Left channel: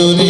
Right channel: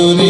Senhor.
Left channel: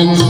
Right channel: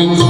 Thank you.